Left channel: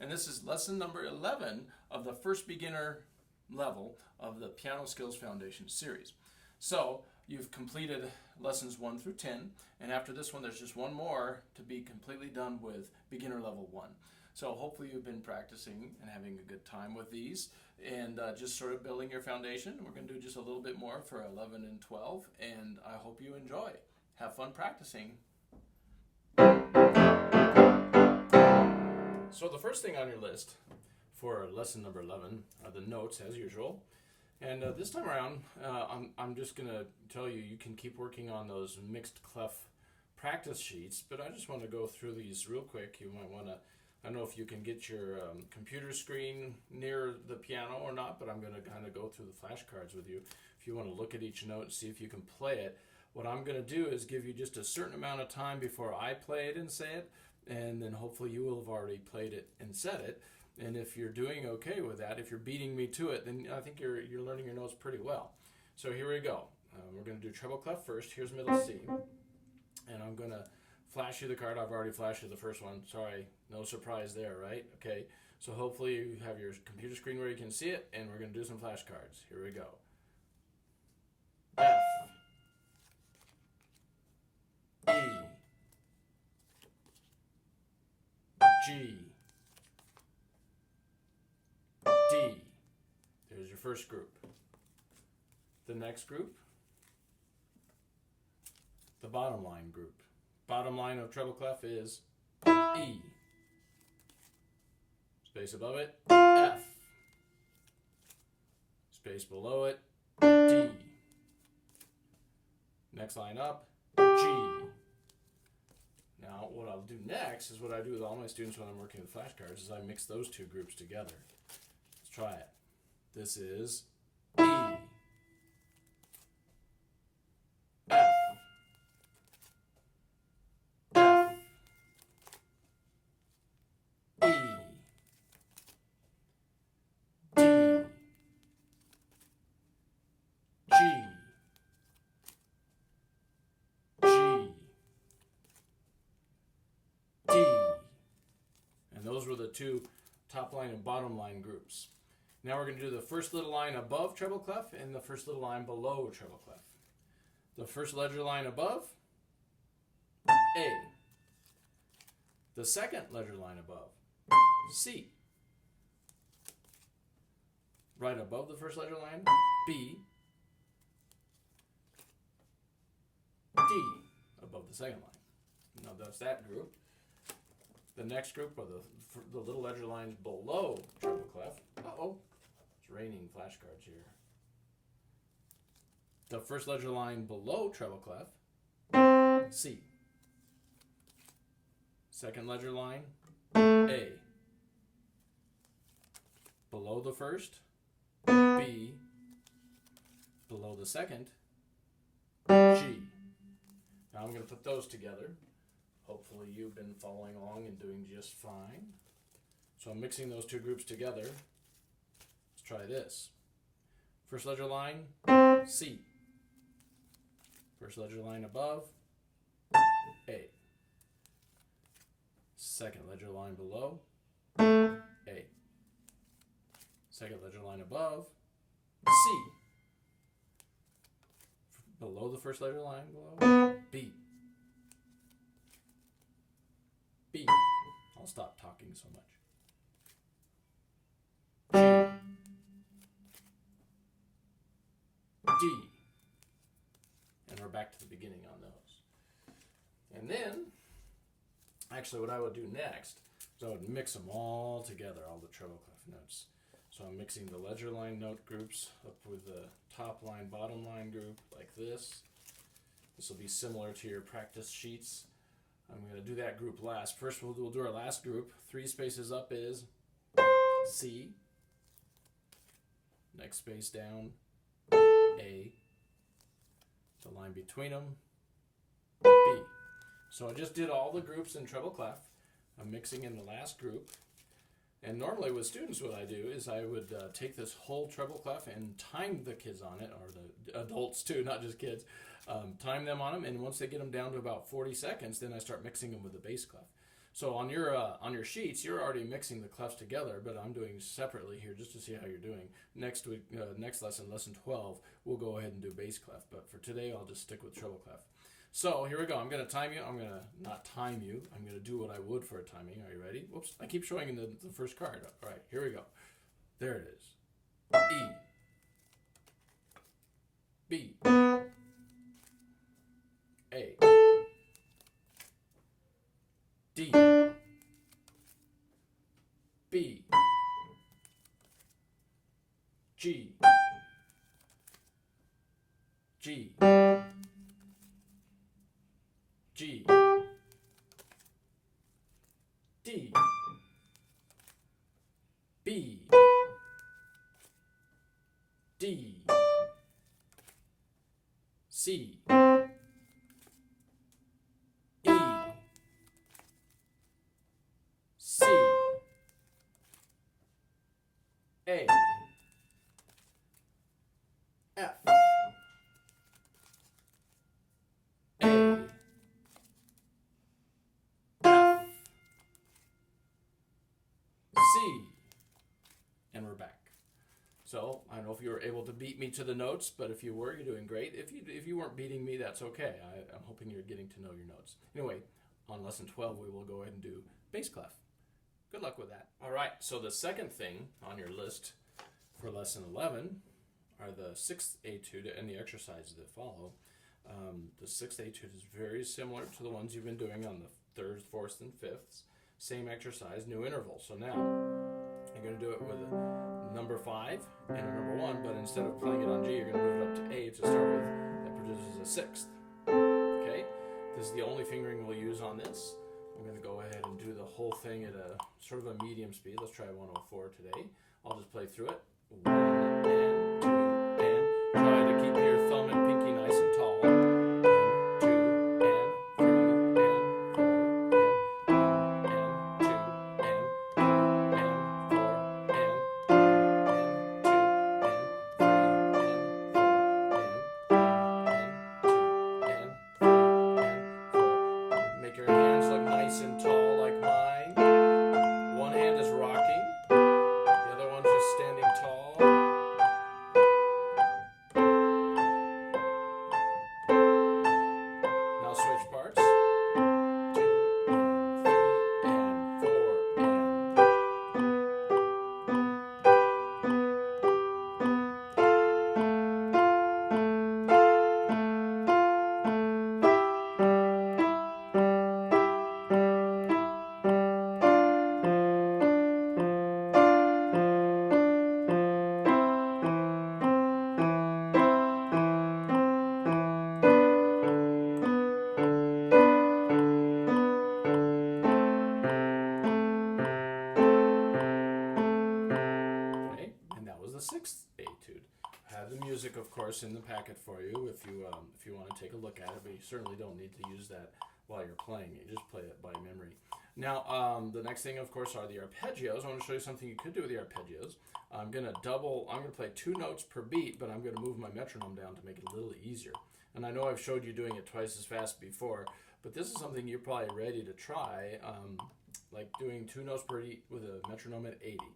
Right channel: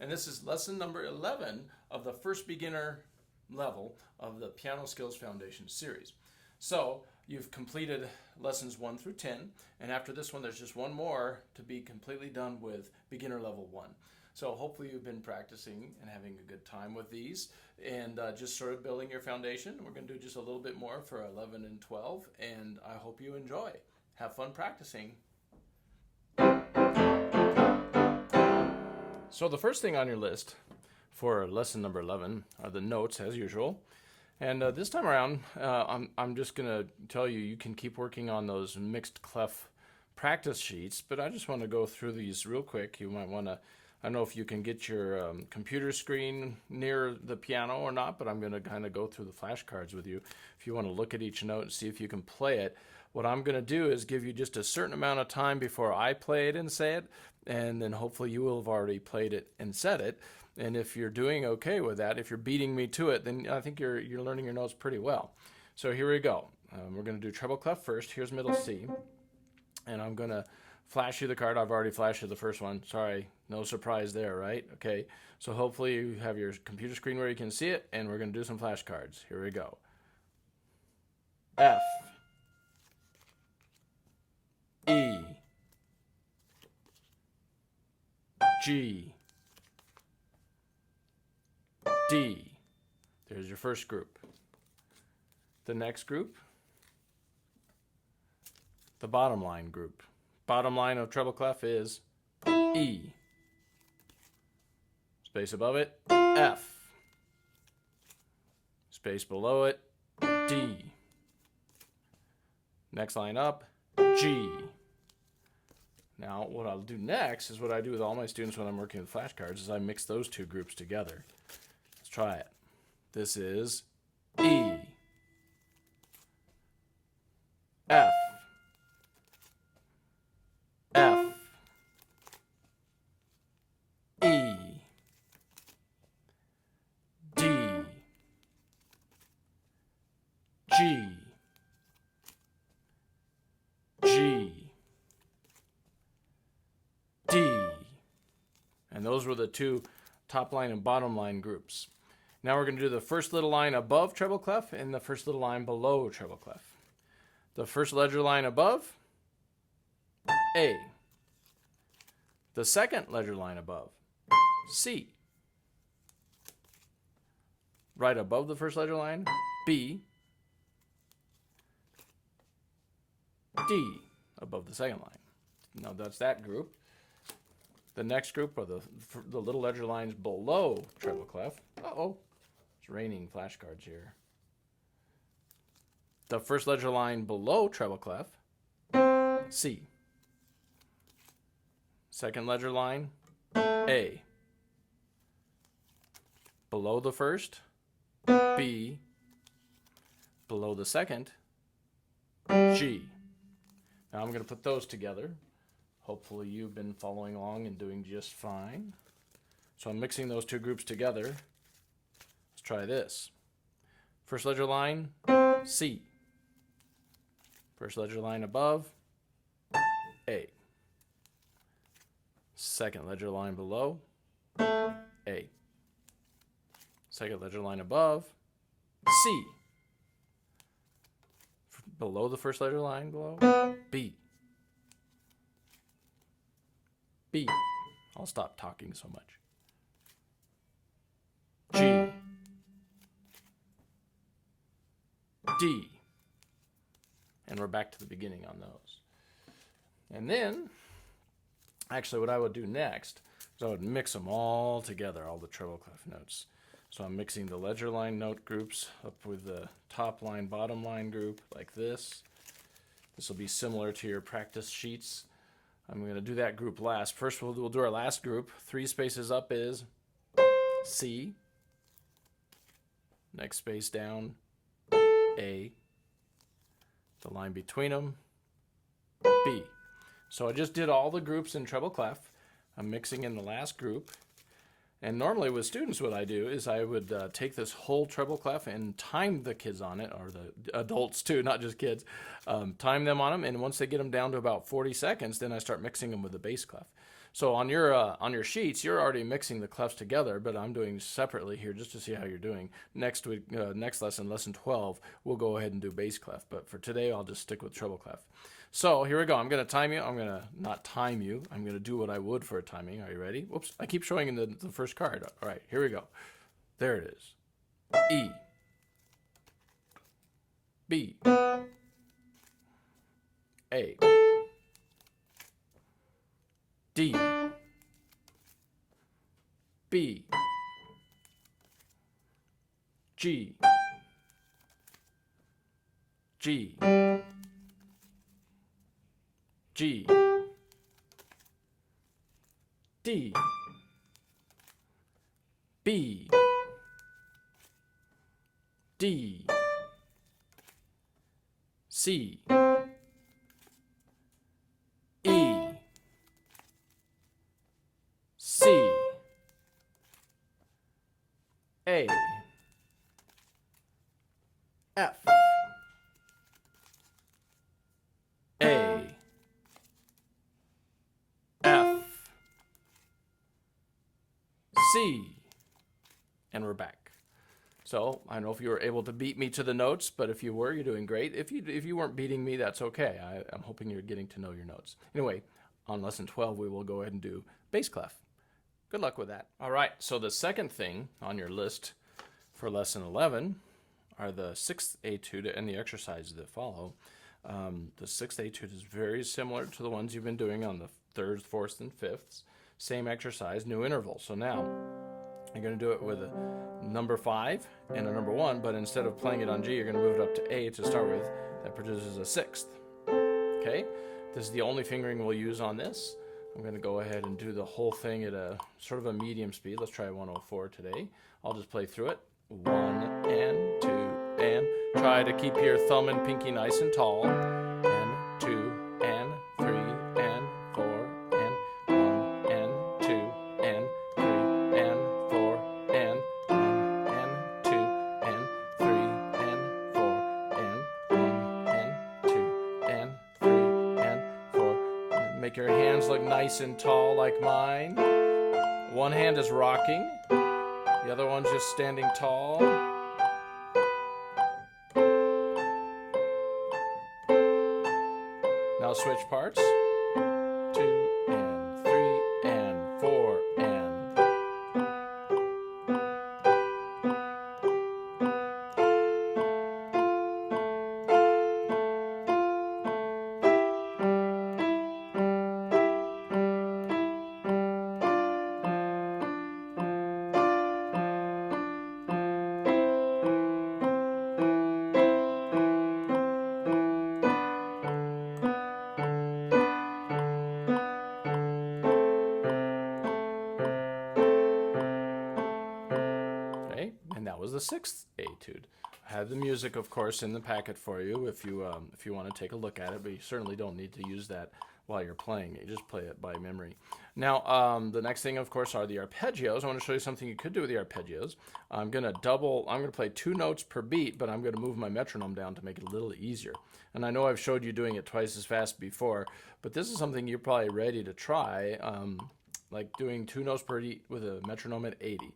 and this is lesson number 11 of the first beginner level of the Piano Skills Foundation series. So you've completed lessons 1 through 10, and after this one there's just one more to be completely done with beginner level 1. So hopefully you've been practicing and having a good time with these and just sort of building your foundation. We're going to do just a little bit more for 11 and 12, and I hope you enjoy. Have fun practicing. So the first thing on your list for lesson number 11 are the notes, as usual. And this time around, I'm just going to tell you, you can keep working on those mixed clef practice sheets, but I just want to go through these real quick. You might want to, I don't know if you can get your computer screen near the piano or not, but I'm going to kind of go through the flashcards with you. If you want to look at each note and see if you can play it, what I'm going to do is give you just a certain amount of time before I play it and say it, and then hopefully you will have already played it and said it. And if you're doing okay with that, if you're beating me to it, then I think you're learning your notes pretty well. So here we go. We're going to do treble clef first. Here's middle C. And I'm going to flash you the card. I've already flashed you the first one. Sorry, no surprise there, right? Okay, so hopefully you have your computer screen where you can see it, and we're going to do some flashcards. Here we go. F, E, G, D. There's your first group. The next group, the bottom line group. Bottom line of treble clef is E. Space above it, F. Space below it, D. Next line up, G. Now, what I'll do next is what I do with all my students when I'm working with flashcards is I mix those two groups together. Let's try it. This is E, F, F, E, D, G, G, D. And those were the two top line and bottom line groups. Now we're going to do the first little line above treble clef and the first little line below treble clef. The first ledger line above, A. The second ledger line above, C. Right above the first ledger line, B. D. Above the second line. Now that's that group. The next group are the little ledger lines below treble clef. Uh-oh, it's raining flashcards here. The first ledger line below treble clef, C. Second ledger line, A. Below the first, B. Below the second, G. Now I'm going to put those together. Hopefully you've been following along and doing just fine. So I'm mixing those two groups together. Let's try this. First ledger line, C. First ledger line above, A. Second ledger line below, A. Second ledger line above, C. Below the first ledger line below, B. B. I'll stop talking so much. G. D. And we're back to the beginning on those. And then, actually what I would do next is I would mix them all together, all the treble clef notes. So I'm mixing the ledger line note groups up with the top line, bottom line group like this. This will be similar to your practice sheets. I'm going to do that group last. First we'll do our last group. 3 spaces up is C. Next space down, A. The line between them, B. So I just did all the groups in treble clef. I'm mixing in the last group. And normally with students what I do is I would take this whole treble clef and time the kids on it, or the adults too, not just kids. Time them on them, and once they get them down to about 40 seconds, then I start mixing them with the bass clef. So on your sheets, you're already mixing the clefs together, but I'm doing separately here just to see how you're doing. Next week, next lesson, lesson 12, we'll go ahead and do bass clef. But for today, I'll just stick with treble clef. So here we go. I'm going to time you. I'm going to not time you. I'm going to do what I would for a timing. Are you ready? Whoops. I keep showing you the first card. All right, here we go. There it is. E. B. A. D. B. G. G. G. D. B. D. C. E. C. A. F. A. F. C. And we're back. So I don't know if you were able to beat me to the notes, but if you were, you're doing great. If you weren't beating me, that's okay. I'm hoping you're getting to know your notes. Anyway, on lesson 12, we will go ahead and do bass clef. Good luck with that. All right, so the second thing on your list for lesson 11 are the sixth etude and the exercises that follow. The sixth etude is very similar to the ones you've been doing on the thirds, fourths, and fifths. Same exercise, new interval. So now you're going to do it with a number 5 and a number 1, but instead of playing it on G, you're going to move it up to A to start with. That produces a sixth. Okay, this is the only fingering we'll use on this. I'm going to go ahead and do the whole thing at a sort of a medium speed. Let's try 104 today. I'll just play through it. 1 and 2 and try to keep your thumb and pinky nice and tall. And 2 and 3 and 4 and 1 and 2 and 3 and 4 and 1 and 2 and 3 and 4 and 1 and 2 and 3 and 4. Make your hands look nice and tall like mine. One hand is rocking. The other one's just standing tall. Now switch parts. 2 and 3 and 4 and. The sixth etude. I have the music, of course, in the packet for you if you want to take a look at it, but you certainly don't need to use that while you're playing it. You just play it by memory. Now, the next thing, of course, are the arpeggios. I want to show you something you could do with the arpeggios. I'm going to play 2 notes per beat, but I'm going to move my metronome down to make it a little easier. And I know I've showed you doing it twice as fast before, but this is something you're probably ready to try, like doing 2 notes per beat with a metronome at 80.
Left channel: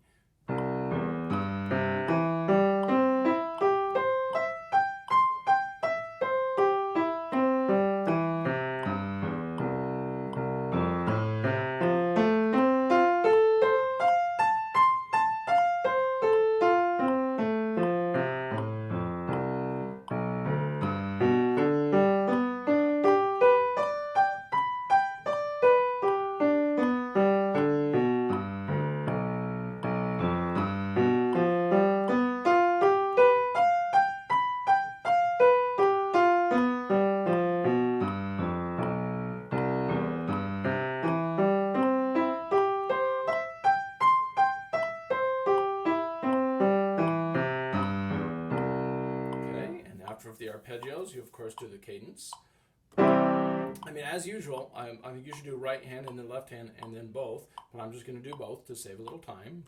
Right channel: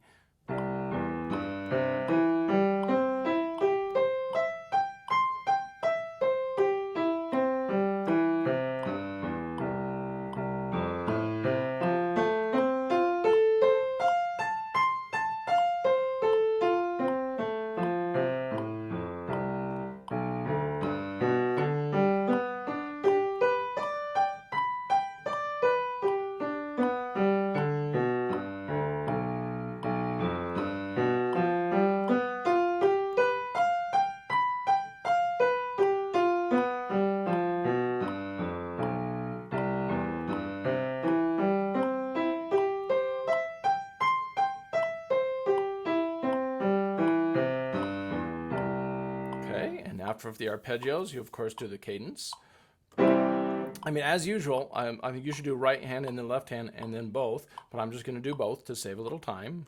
After the arpeggios, you of course do the cadence. I mean, as usual, I think you should do right hand and then left hand and then both, but I'm just going to do both to save a little time.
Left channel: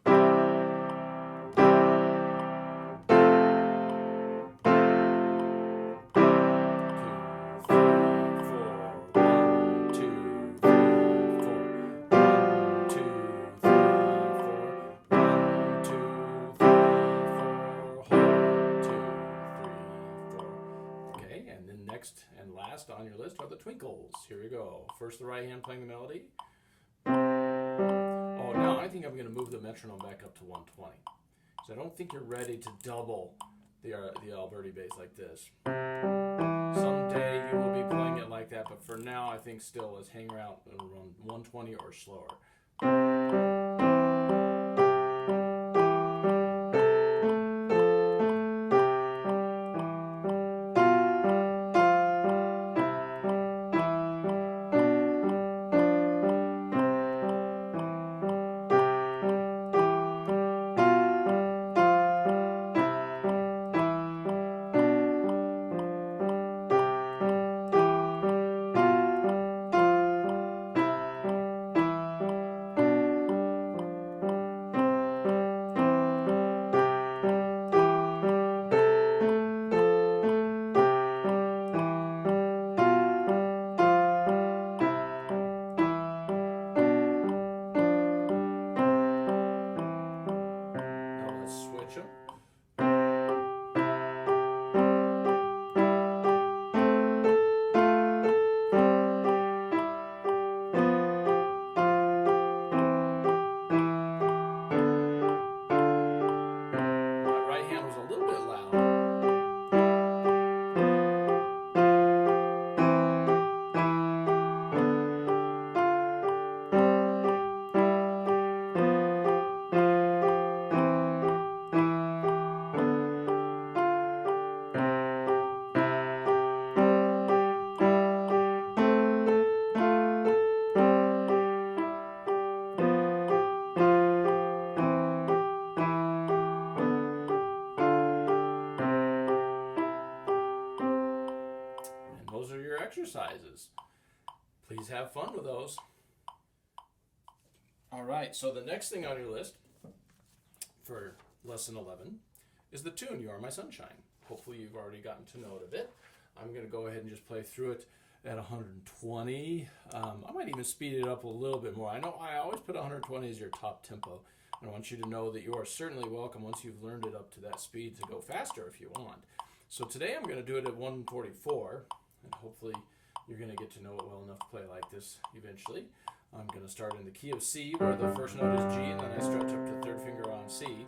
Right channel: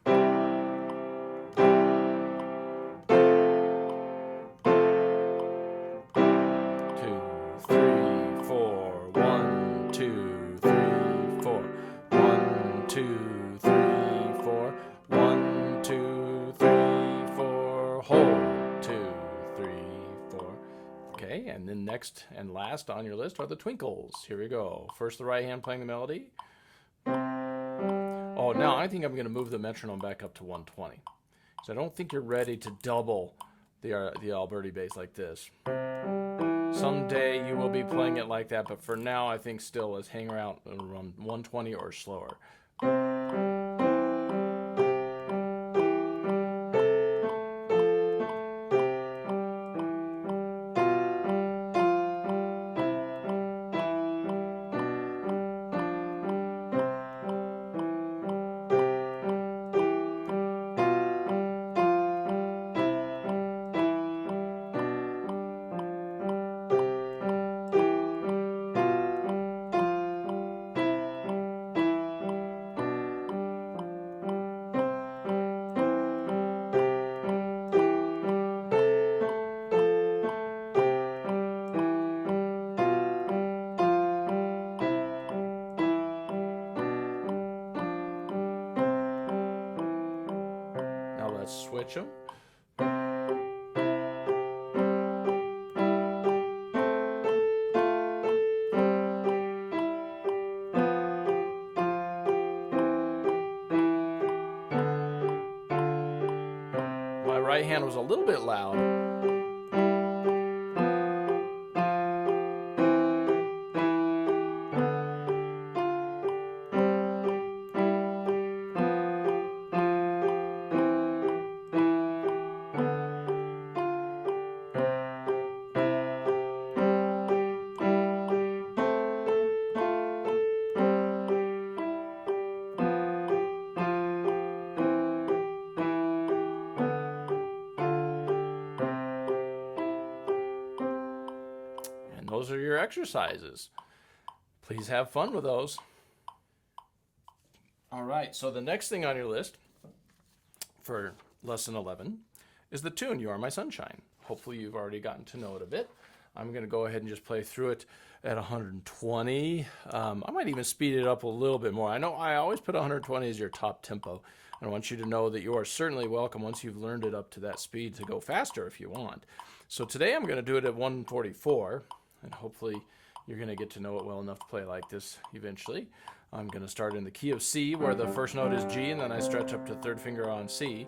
1, 2, 3, 4. 1, And then next and last on your list are the twinkles. Here we go. First the right hand playing the melody. Oh, now I think I'm going to move the metronome back up to 120. So I don't think you're ready to double the Alberti bass like this. Someday you will be playing it like that, but for now I think still let's hang around 120 or slower. Switch them. My right hand was a little bit loud. Those are your exercises. Please have fun with those. All right, so the next thing on your list for lesson 11 is the tune, You Are My Sunshine. Hopefully you've already gotten to know it a bit. I'm going to go ahead and just play through it at 120. I might even speed it up a little bit more. I know I always put 120 as your top tempo. And I want you to know that you are certainly welcome once you've learned it up to that speed to go faster if you want. So today I'm going to do it at 144. And hopefully you're going to get to know it well enough to play like this eventually. I'm going to start in the key of C, where the first note is G, and then I stretch up to third finger on C.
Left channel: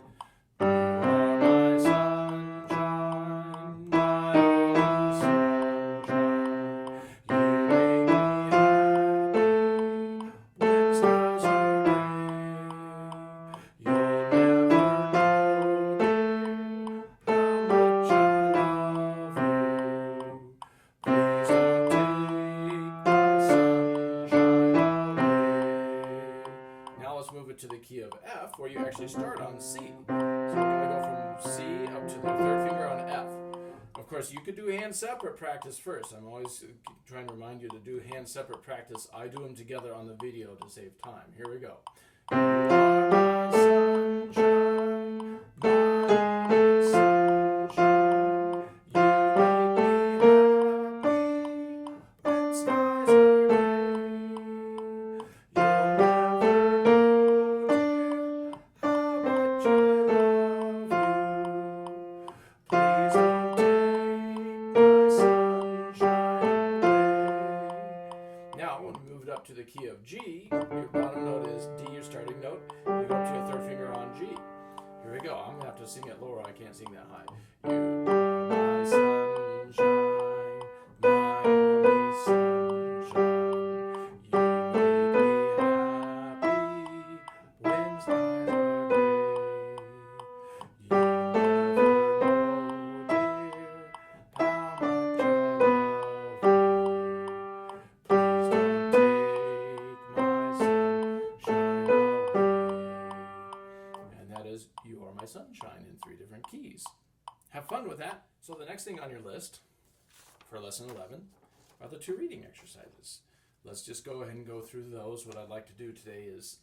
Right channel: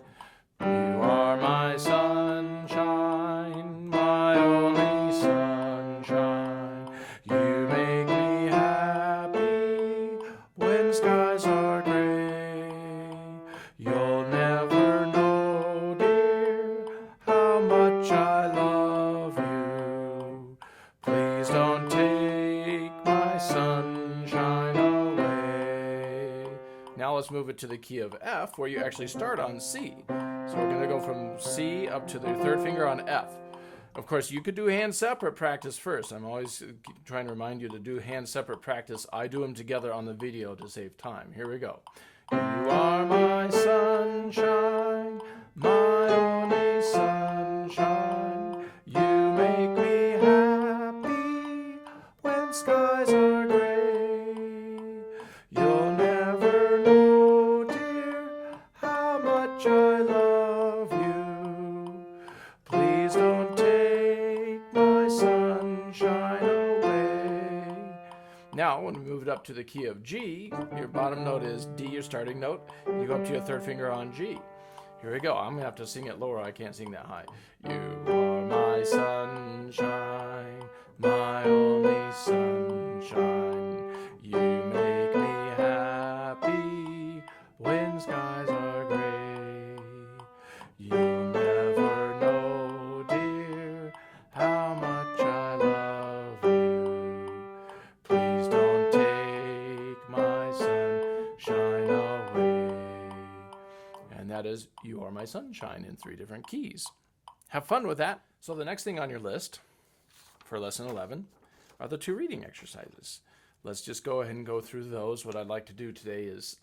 You are my sunshine, my only sunshine. You make me happy when skies are gray. You'll never know, dear, how much I love you. Please don't take my sunshine away. Now let's move it to the key of F, where you actually start on C. So we're going to go from C up to the third finger on F. Of course, you could do hand separate practice first. I'm always trying to remind you to do hand separate practice. I do them together on the video to save time. Here we go. You are my sunshine, my only sunshine. You make me happy when skies are gray. You'll never know, dear, how much I love you. Please don't take my sunshine away. Now, when we move it up to the key of G, your bottom note is D, your starting note. You go up to your third finger on G. Here we go. I'm going to have to sing it lower. I can't sing that high. You are my sunshine, my only sunshine. You make me happy when skies are gray. You'll never know, dear, how much I love you. Please don't take my sunshine away. And that is You Are My Sunshine in 3 different keys. Have fun with that. So the next thing on your list for lesson 11 are the 2 reading exercises. Let's just go ahead and go through those. What I'd like to do today is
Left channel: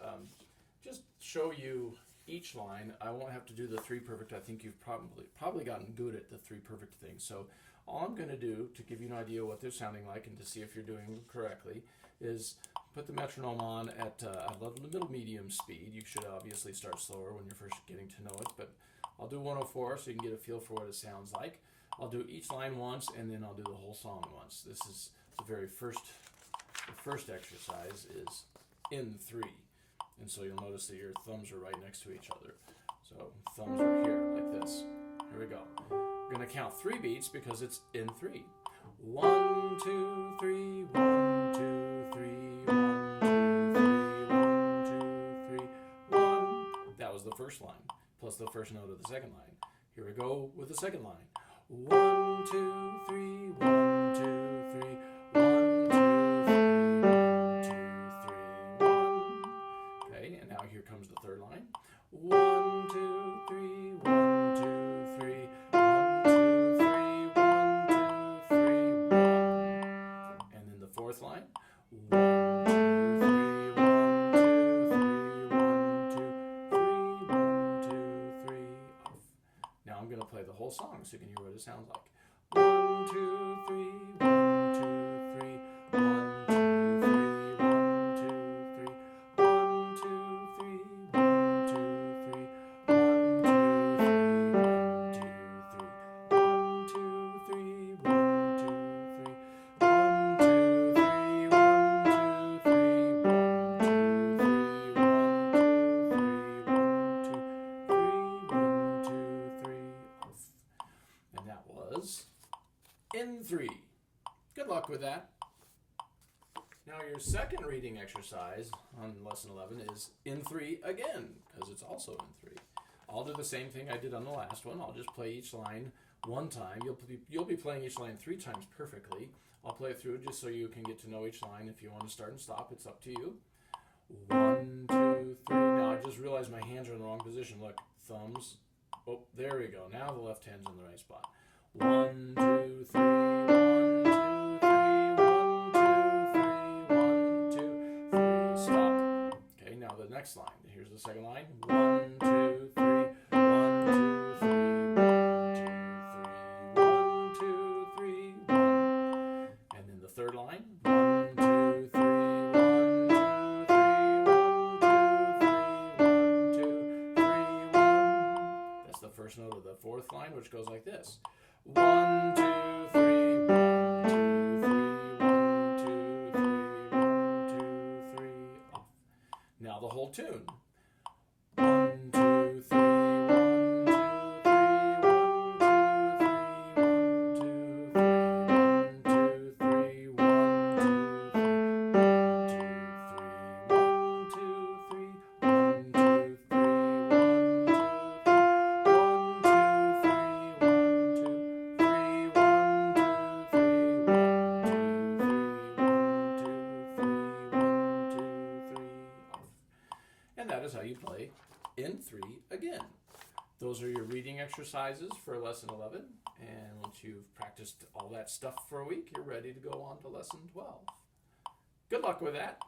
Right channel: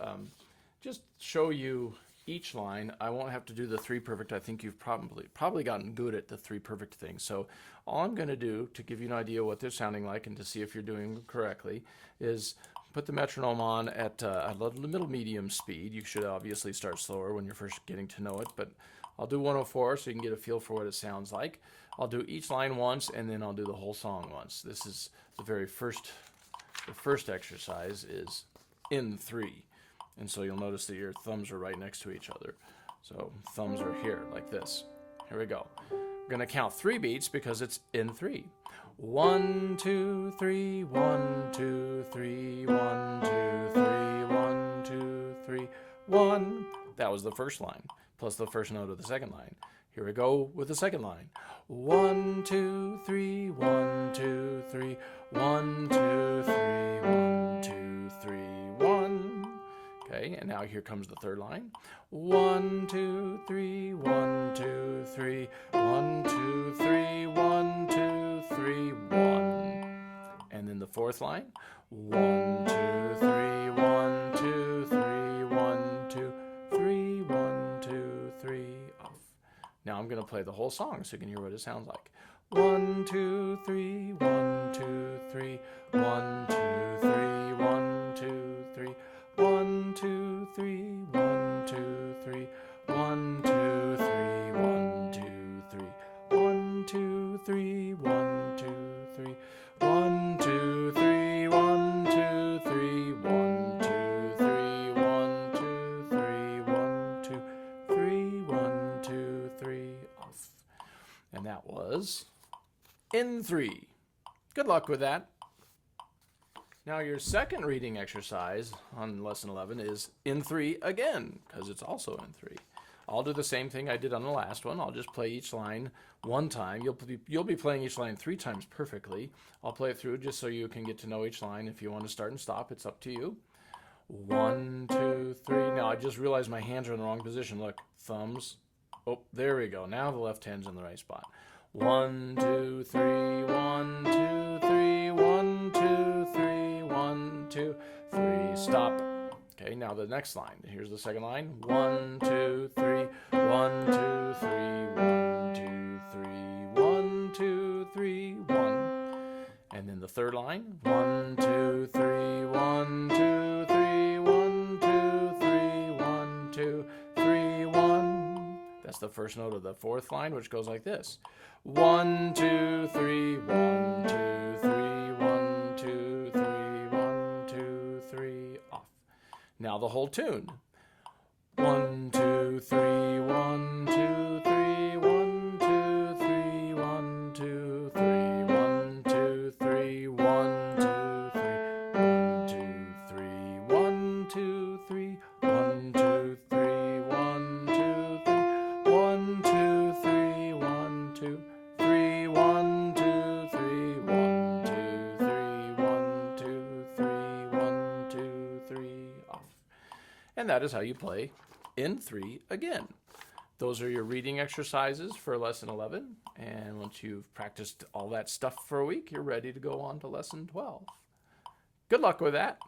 just show you each line. I won't have to do the 3 perfect. I think you've probably gotten good at the 3 perfect things. So all I'm going to do to give you an idea what they're sounding like and to see if you're doing them correctly is put the metronome on at a middle medium speed. You should obviously start slower when you're first getting to know it, but I'll do 104 so you can get a feel for what it sounds like. I'll do each line once, and then I'll do the whole song once. This is the first exercise is in 3. And so you'll notice that your thumbs are right next to each other. So thumbs are here, like this. Here we go. We're going to count 3 beats because it's in 3. 1, 2, 3, 1, 2, 3, 1, 2, 3, 1, 2, 3, 1. That was the first line, plus the first note of the second line. Here we go with the second line. 1, 2, 3, 1, 2, 3, 1, 2, 3, 1, 2, 3, 1. Okay, and now here comes the third line. 1, 2, 3, 1, 2, 3, 1, 2, 3, 1, 2, 3, 1. And then the fourth line. 1, 2, 3, 1, 2, 3, 1, 2, 3, 1, 2, 3, off. Now I'm going to play the whole song so you can hear what it sounds like. 1, 2, 3, 1, 2, 3, 1, 2, 3, 1, 2, 3, 1, 2, 3, 1, 2, 3, 1, 2, 3, 1, 2, 3, 1, 2, 3, 1, 2, 3, 1, 2, 3, 1, 2, 3, 1, 2, 3, 1, 2, 3, 1, 2, 3, 1, 2, 3, off. And that was in 3. Good luck with that. Now your second reading exercise on lesson 11 is in 3 again, because it's also in 3. I'll do the same thing I did on the last one. I'll just play each line one time. You'll be playing each line 3 times perfectly. I'll play it through just so you can get to know each line. If you want to start and stop, it's up to you. 1, 2, 3. Now I just realized my hands are in the wrong position. Look, thumbs. Oh, there we go. Now the left hand's in the right spot. 1, 2, 3, 1, 2, 3, 1, 2, 3, 1, 2, 3. Stop. Okay, now the next line. Here's the second line. 1, 2, 3, 1, 2, 3, 1, 2, 3, 1, 2, 3, 1. And then the third line. 1, 2, 3, 1, 2, 3, 1, 2, 3, 1, 2, 3, 1. That's the first note of the fourth line, which goes like this. 1, 2, 3, 1, 2, 3, 1, 2, 3, 1, 2, 3, off. Now the whole tune. 1, 2, 3, 1, 2, 3, 1, 2, 3, 1, 2, 3, 1, 2, 3, 1, 2, 3, 1, 2, 3, 1, 2, 3, 1, 2, 3, 1, 2, 3, 1, 2, 3, 1, 2, 3, 1, 2, 3, 1, 2, 3, 1, 2, 3, 1, 2, 3, off. And that is how you play in 3 again. Those are your reading exercises for lesson 11. And once you've practiced all that stuff for a week, you're ready to go on to lesson 12. Good luck with that.